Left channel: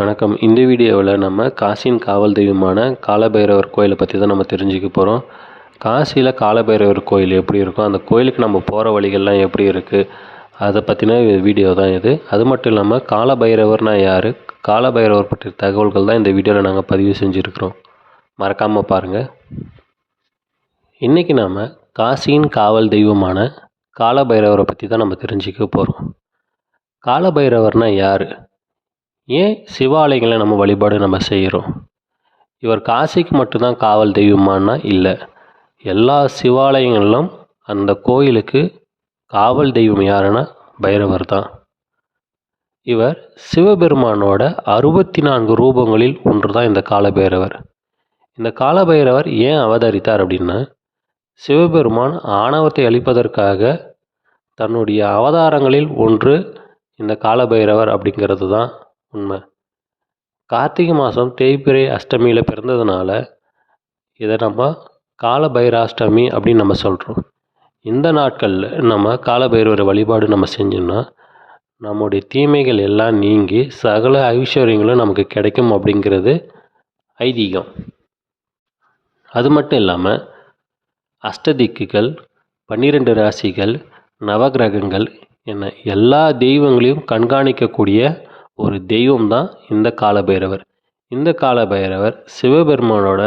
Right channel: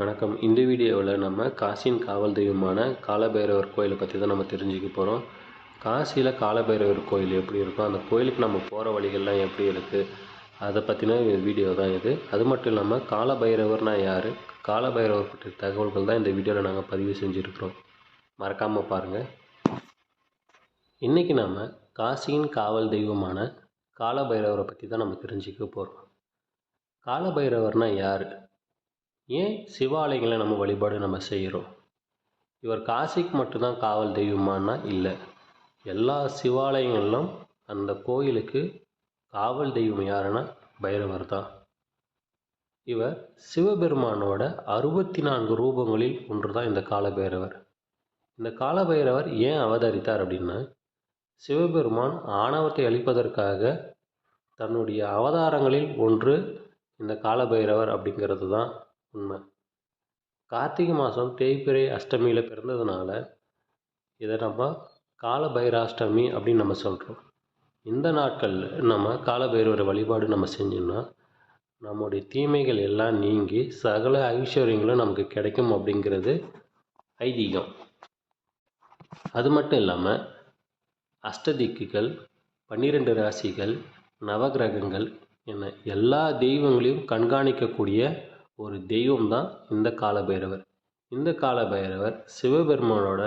வணக்கம். இந்த வீடியோவில் நம்ம காசியின் காவல் தெய்வமான காலபைரவர் கோயிலை பற்றி தான் நம்ம தெரிஞ்சுக்க போகிறோம் காசியில் காலபைரவர் கோயில் எப்படி இருக்கும்? அந்த கோயிலுக்கு நம்ம போகிற வழிகள்லாம் எப்படி இருக்குது அதை பற்றின வீடியோ தான் இது. அது மட்டும் இல்லாமல் காலபைரவர்னா யார்? காலபைரவர் பற்றிய தகவல்கள் தான் இந்த வீடியோவில் நாங்கள் பதிவு செஞ்சுருக்கிறோம். மறக்காமல் பாருங்கள் இன்றைக்கி நாம் காசியின் காவல் தெய்வமான காலபைரவரை பற்றி தான் நம்ம தெரிஞ்சுக்க போகிறோம் காலபைரவர்னா யார்? ஏன் சிவாலயங்களை நம்ம வழிபாடு நம்ம செய்கிறோம்? இவர் காசிக்கு மட்டும்தான் காவல் தெய்வமானா இல்லை. எல்லா சிவாலயங்களிலும் அந்த கோயிலுக்கு காவல் தெய்வம் யாருன்னா பைரவர் தான். இவர் சிவபெருமானோட அறுபத்தி நான்கு ரூபங்களில் ஒன்று தான் இந்த காலபைரவர். இந்த காலபைரவர் ஏன் அவதரித்தார் அப்படின்னா சிவபெருமான் ஆணவத்தை அழிப்பதற்காக தன்னுடைய அவதாரங்களில் ஒன்று இந்த காலபைரவர் அப்படிங்கிறது தான் உண்மை. கார்த்திகை மாதம் தேய்பிறை அஷ்டமியில் பிறந்ததுனால இதை நம்ம காலபைராஷ்டமி அப்படின்னு நம்ம சொல்கிறோம் இந்த நாட்களில் நம்ம காலபைரவர் வழிபாடு நம்ம செஞ்சோம்னா நம்முடைய தீமைகள் எல்லாம் நீங்கி சகல ஐஸ்வர்யங்களும் நமக்கு கிடைக்கும் அப்படிங்கிறது ஐதீகம். அது மட்டும் இல்லாமல் அஷ்டதிக்குகள் பன்னிரெண்டு ராசிகள் நவகிரகங்கள் என எல்லா தெய்வங்களையும் கண்காணிக்கக்கூடிய ஒரு தெய்வம் தான் இந்த காலபைரவர். இந்த காலபைரவர் சிவபெருமானோட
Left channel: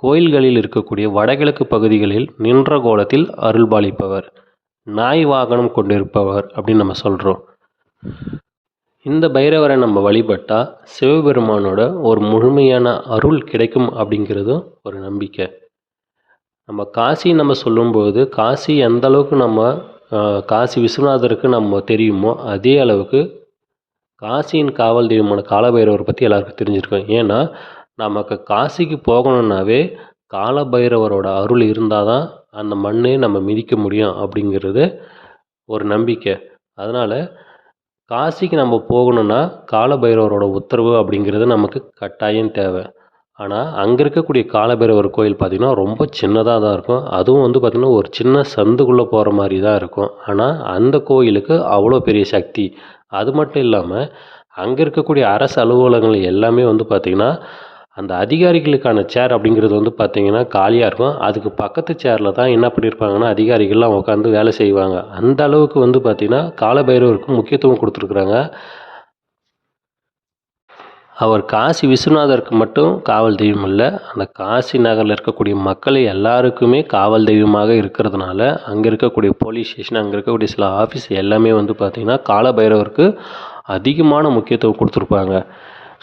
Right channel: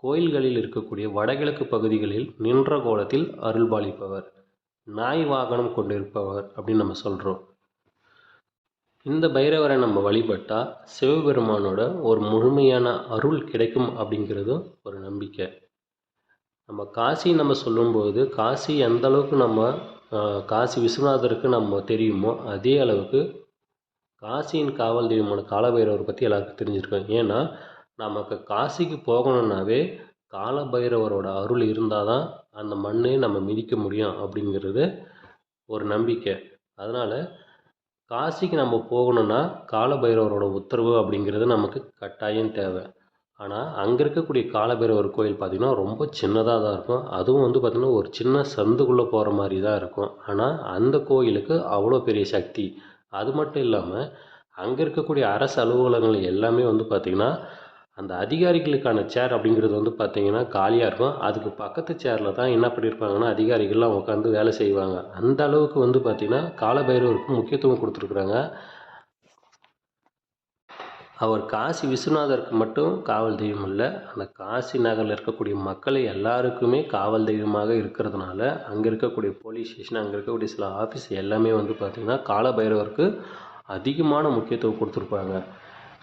கோயில்களில் இருக்கக்கூடிய வடகிழக்கு பகுதிகளில் நின்ற கோலத்தில் அருள்பாலிப்பவர் நாய் வாகனம் கொண்டிருப்பவர் அப்படின்னு நம்ம சொல்கிறோம் இந்த பைரவரை நம்ம வழிபட்டால் சிவபெருமானோட ஒரு முழுமையான அருள் கிடைக்கும் அப்படிங்கிறதும் ஒரு நம்பிக்கை. நம்ம காசி நம்ம சொல்லும்போது காசி எந்த அளவுக்கு நம்ம காசி விஸ்வநாதருக்கு நம்ம தெரியுமோ அதே அளவுக்கு காசியின் காவல் தெய்வமான காலபைரவரை பற்றி எல்லாருக்கும் தெரிஞ்சிருக்கோம். ஏன்னா நமக்கு காசிக்கு போகணுன்னாவே காலபைரவரோட அருள் இருந்தால் தான் அந்த மண்ணை நம்ம மிதிக்க முடியும் அப்படிங்கிறது ஒரு நம்பிக்கை. அதனால் காசிக்கு நம்ம போகணுன்னா காலபைரவரோட உத்தரவு அப்படிங்கிறது நமக்கு கட்டாயம் தேவை. ஆனால் அங்கே இருக்கக்கூடிய காலபைரவர் கோயில் பார்த்திங்கன்னா ரொம்ப சின்னதாக தான் இருக்கும். அதுவும் வந்து பார்த்திங்கன்னா ஒரு சின்ன சந்துக்குள்ளே போகிற மாதிரி தான் இருக்கும். ஆனால் அந்த கோயிலுக்கு அவ்வளோ பெரிய சக்தி. அது மட்டும் இல்லாமல் அங்கே இருக்கக்கூடிய அரசு அலுவலகங்கள் எல்லாமே வந்து பார்த்திங்கன்னா அந்த அதிகாரிகளுக்கான சேர் அப்படிங்கிறது வந்து பார்த்திங்கன்னா காலியாக இருக்கும். அதுக்கு பக்கத்து சேரில் தான் என்ன பண்ணியிருப்பாங்கன்னா அதிகாரிகள்லாம் உட்காந்து வேலை செய்வாங்க. அந்த அளவுக்கு வந்து பார்த்திங்கன்னா காலபைரவருக்கு முக்கியத்துவம் கொடுத்துருக்குறாங்க. அவர் காசி விஸ்வநாதருக்கு மட்டும் காவல் தெய்வம் இல்லை. அந்த காசி நகரில் இருக்கக்கூடிய மக்கள் எல்லாருக்குமே காவல் தெய்வமாக இருக்கிறதுனால அங்கே இருக்கக்கூடிய போலீஸ் ஸ்டேஷன் அங்கே இருக்கக்கூடிய சில ஆஃபீஸ் எல்லாமே வந்து பார்த்திங்கன்னா காலபைரவருக்கு அதிகமான முக்கியத்துவம் கொடுத்துருப்பாங்க.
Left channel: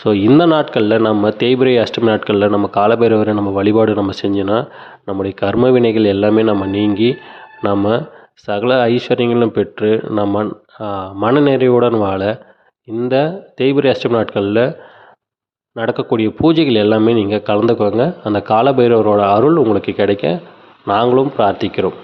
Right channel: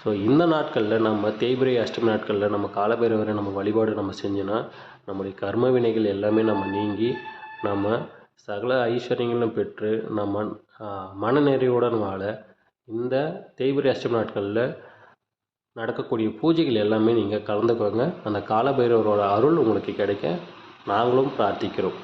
ஸோ இந்த நாட்களில் நம்ம தேய்பிரை அஷ்டமி நாட்களில் நம்ம காலபைரவரை நம்ம வழிபாடு நம்ம செஞ்சோன்னா நம்முடைய கர்ம வினைகள் எல்லாமே நம்ம நீங்கி நம்ம சகல ஐஸ்வர்யங்களும் பெற்று நம்ம மனநிறைவுடன் வாழ இந்த தேய்பிரை அஷ்டமி நாட்களில் நடக்கக்கூடிய பூஜைகள் எல்லாமே நீங்கள் கலந்துக்கோங்க. அந்த காலபைரவரோட அருள் உங்களுக்கு கிடைக்க நாங்களும் பிரார்த்திக்கிறோம்.